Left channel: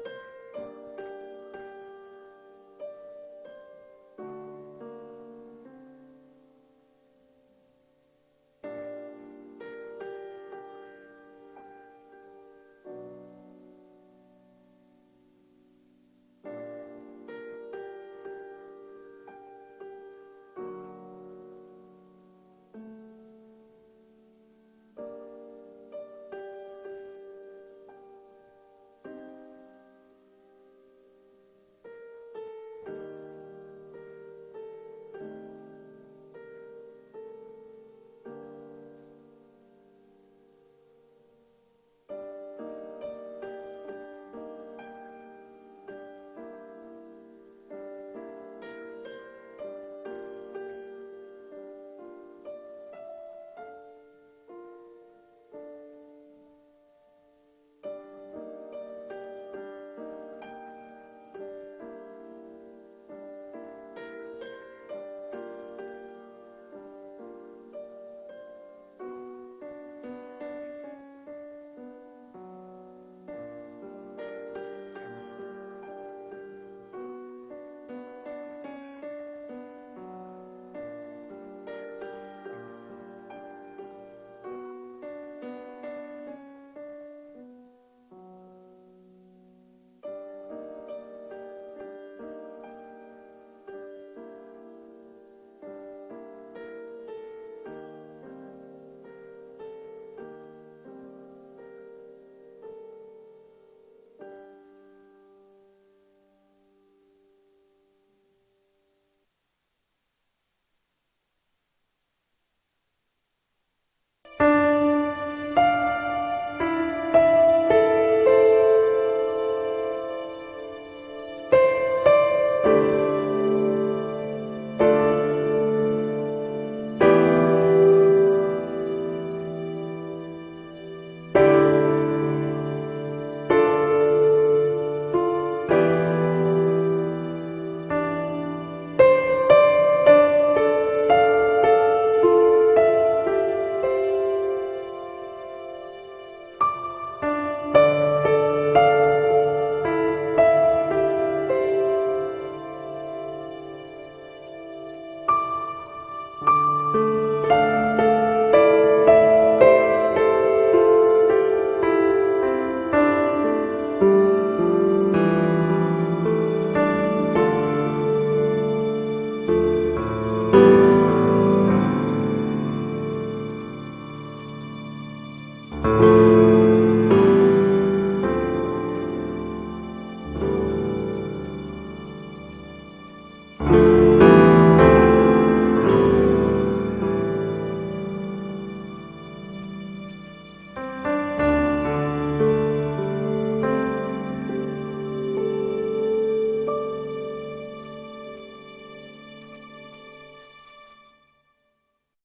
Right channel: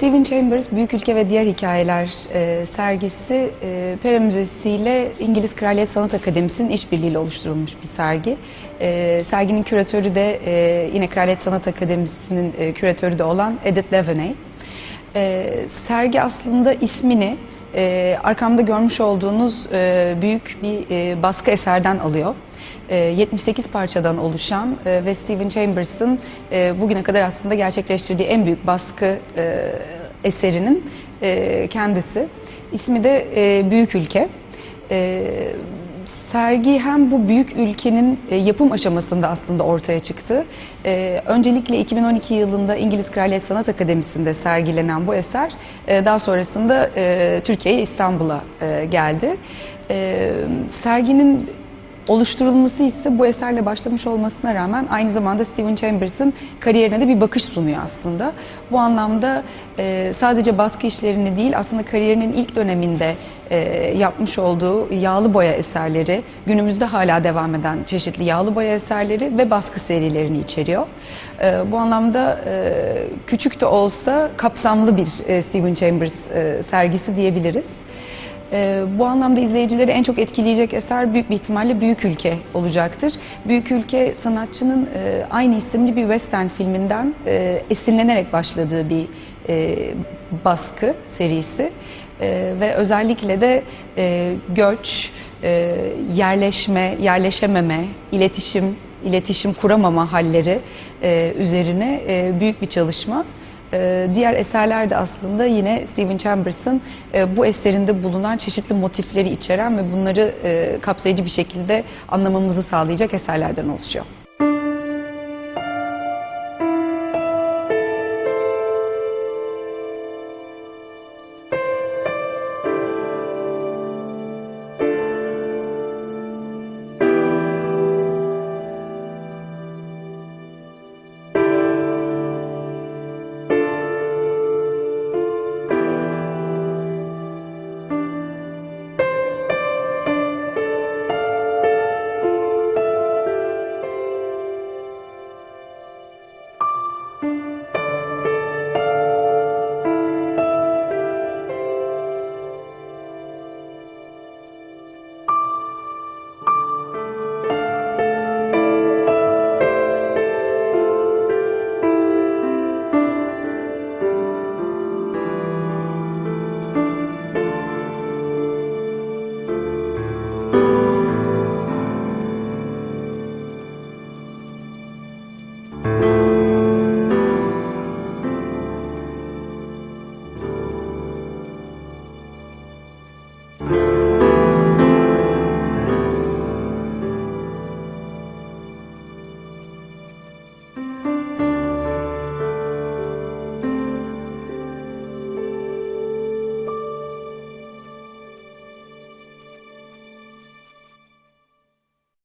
Stephen Chambers Büyük Ülke ve Diğer Hikayeler e, sergisi e, Pera Müzesi ile İngiliz Kraliyet Sanat Akademisi'nin işbirliğiyle oluşturulmuş bir sergi. E, serginin küratörü de e, yine Kraliyet Sanat Akademisi'nin e, küratörü de olan Edith Devaney. E, sergi aslında ismini e, arkamda görmüş olduğunuz e, büyük bir e, baskı eserden alıyor. E, 78 parçadan oluşan e, ve Stephen Chambers'ın e, bugüne kadar aslında gerçekleştirdiği en büyük baskı e, eserinin e, kendisi. İsmi de e, Büyük Ülke. E, sergi hem bu büyük ülkenin e, yapım aşamasında aslında ortaya çıktı. E, öncelikle 2012 yılında İngiliz Kraliyet Sanat Akademisi'nde sergilenen bu eser e, daha sonrasında Türkiye'ye İstanbul'a geldi. Serginin oluşturulması ise bu eserle başlamış olmasına rağmen aynı zamanda Stephen Chambers'ın kariyerine de bir bakış sunuyor aslında. Bu anlamda e, sadece baskı işlerini değil aslında kariyerinin ilk döneminde e, yapmış olduğu yağlı boya eserleri, günümüzde hala devam eden çeşitli yağlı boya eserleri ve baskı serilerini içeriyor. E, bu anlamda e, küçük de olsa kapsamlı bir e, Stephen Chambers e, sergisi diyebiliriz. Ee, bu anlamda izleyicileri en çok etkileyecek eser büyük bir ihtimalle Büyük Ülke olacaktır. Büyük Ülke sanatçının e, aynı isimli bir western filminden e, esinlenerek başladığı bir e, baskı serisi E, ve özellikle de e, göç, e, yerleşme, yerleşememe, iletişim, iletişim kuramama halleri e, üzerine e, büyük bir çalışma. Ee, Diğer eserler de aslında yine Stephen Chambers'ın e, bu eserinde bulunan çeşitli motifleri içeren ve bunları e, kapsayıcı bir şekilde anlamamızı sağlayacak eserlerden oluşuyor.